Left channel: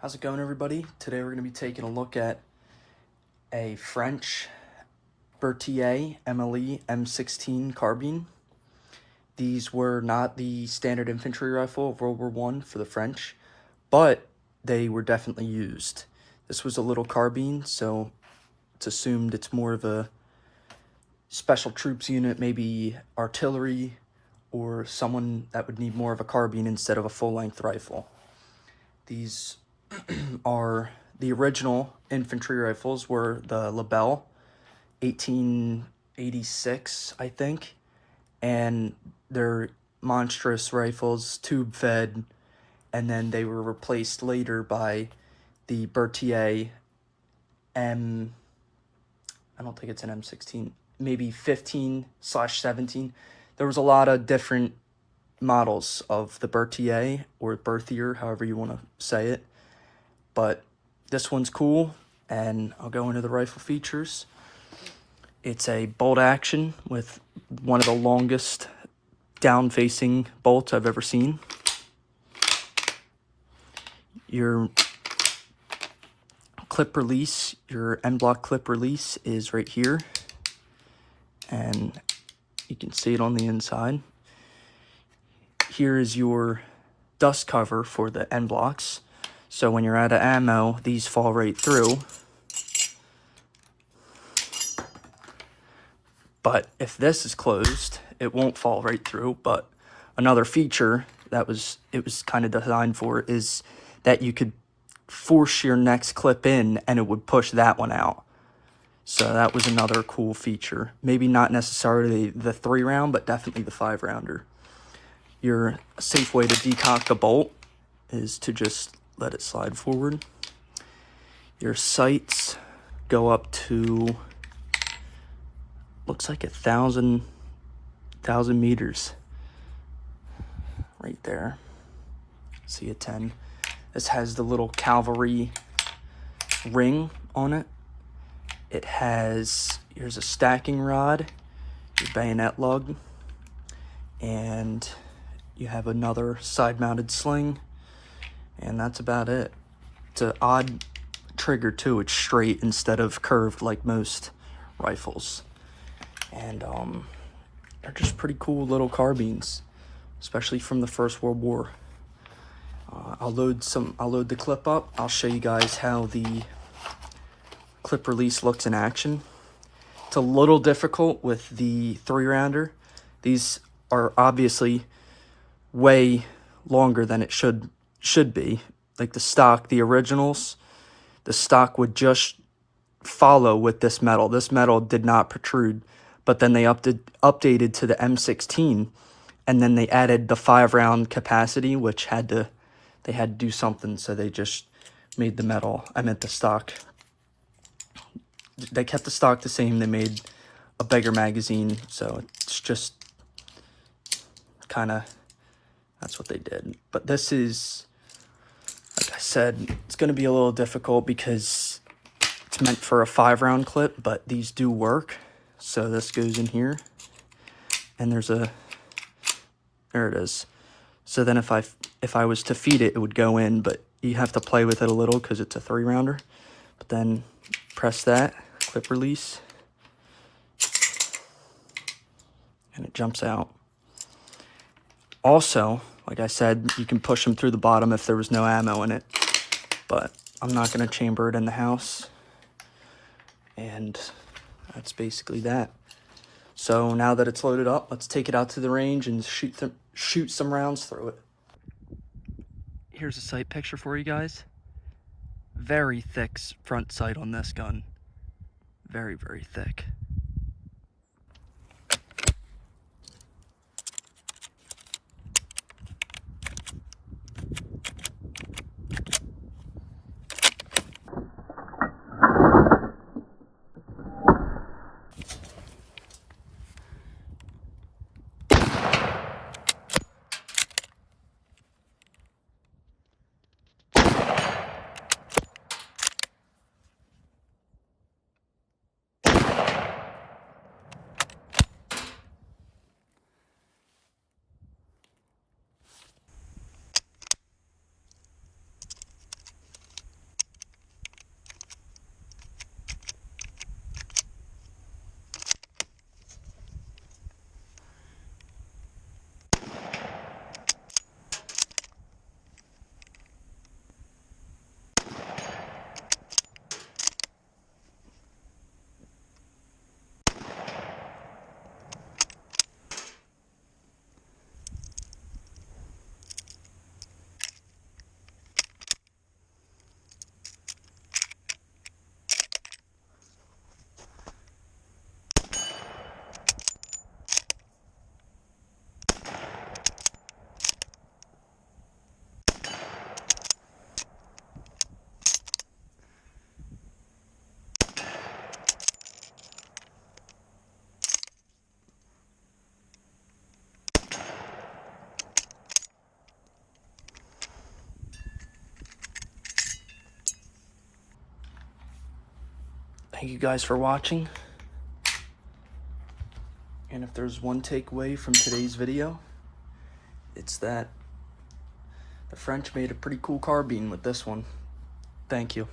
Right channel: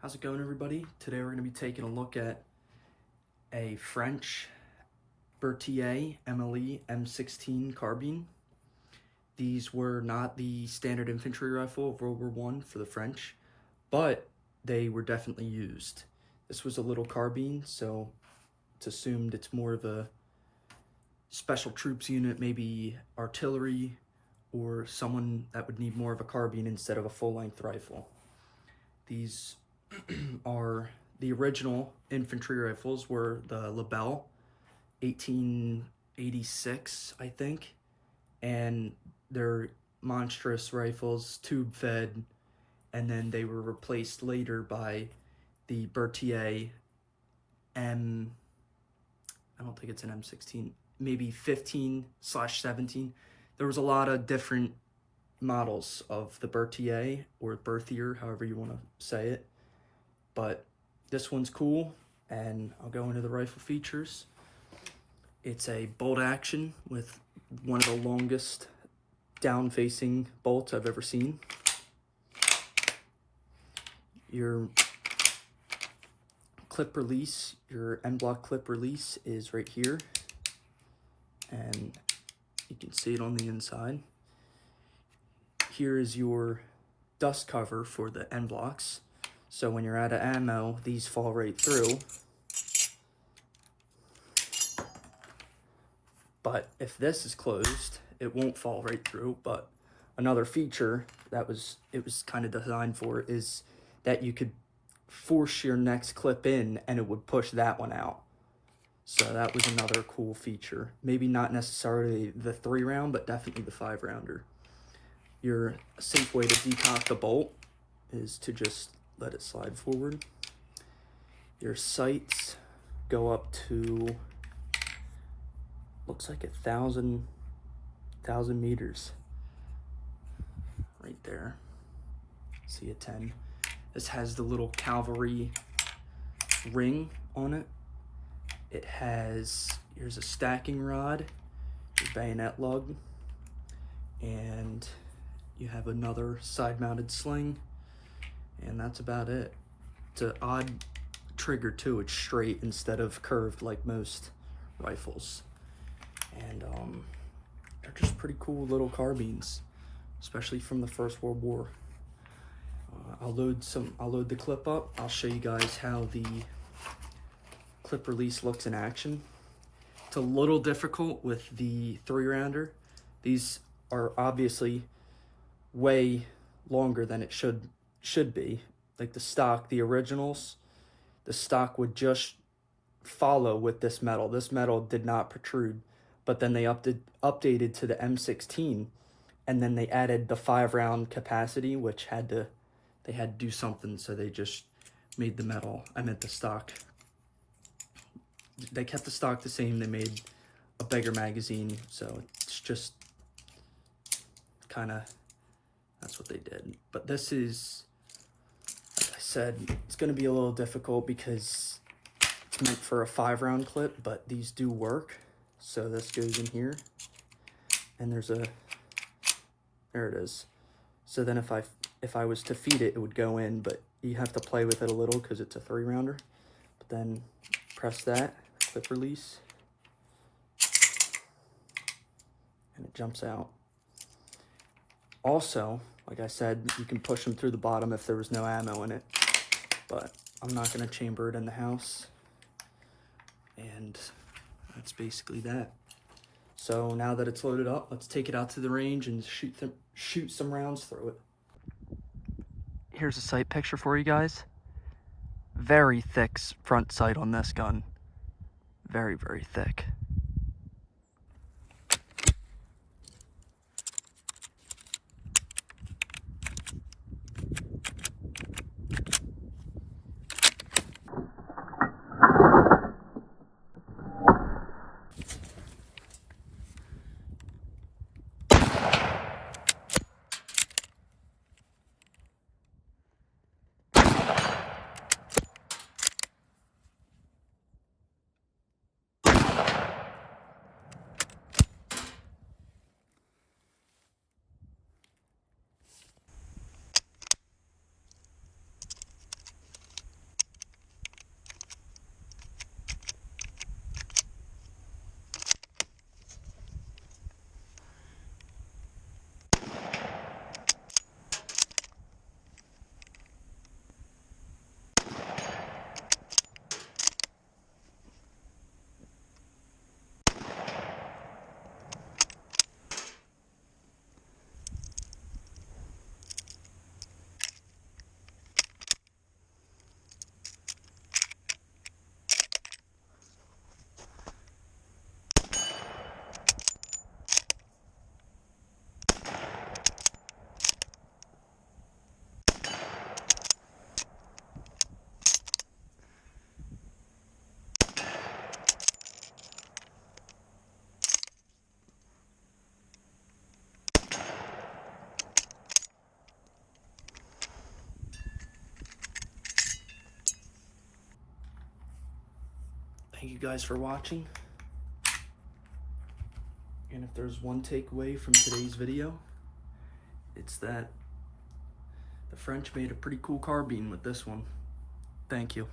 How's it going, everybody? Today we're going to be taking a look at a French Berthier MLE M16 carbine. These were not the standard infantry rifle of World War I for the French, but they were definitely used. This was a little carbine, so it's assumed it's more of a special troops unit, maybe artillery, or someone that would need more of a carbine instead of a full-length rifle. These are the original infantry rifles were the Lebel 1886, I think, and they're monstrous rifles, tube fed, and then they were replaced later by the Berthier I don't think it's an M16, maybe 15/17. There was a lot of different models of the Berthier or Berthier, however you want to say it. But this one's cool, and I'll go into the rifle features. It's a bolt action with one of the longest down-facing bolts I've ever seen. Your clip release, your end block clip release is right here, and you can see it on the inside. Here is your dust cover for the end blocks. So when you're out of ammo, these fall right through. But if this is closed, it won't fall right through. But another feature it was kind of designed for is that you could force your next clip in and it would push that one out. So that was another cool feature. Maybe not necessarily the 3-round, but definitely the 5-rounder. Your safe way to decock the bolt is to just let it slide forward. Your sights go up to, looks like 1,000 meters right there. See a 10. This has the little cavalry ring on it. It has, here's a stacking rod, your bayonet lug, and you have another side-mounted sling. And that's about it. It's an odd trigger too. It's straight instead of curved like most rifles. And they're just pretty cool little carbines, especially from the First World War. I'll load the clip up. I'll show you guys how the clip release looks in action. It's a little difficult with the 3-rounder. These are obviously way longer than it should be. Like the stock, the originals, the stock would just follow with this metal. This metal did not protrude, but then they updated to the M16, and then they added the 5-round capacity, which they had to do something, so they just made the metal, the stock. They kept the stock the same, they made a bigger magazine, so it's just kind of, that's what they did. But this is, like I said, it's going to be a little difficult because it's meant for a 5-round clip, but these do work. So this goes in here, and there it is. So then if I was to feed it, it would go in, but you have to play with it a little because it's a 3-rounder. But then press that, clip release, and it jumps out. Also, like I said, you can push them through the bottom if there was no ammo in it, but I'm not going to chamber it in the house, and that's basically that. So now that it's loaded up, let's take it out to the range and shoot some rounds through it. Here's a sight picture for you guys. Very thick front sight on this gun. Very, very thick. Thank you guys for watching. And if there's one takeaway from today's video, it's that the French made a pretty cool carbine with this one. Thank you.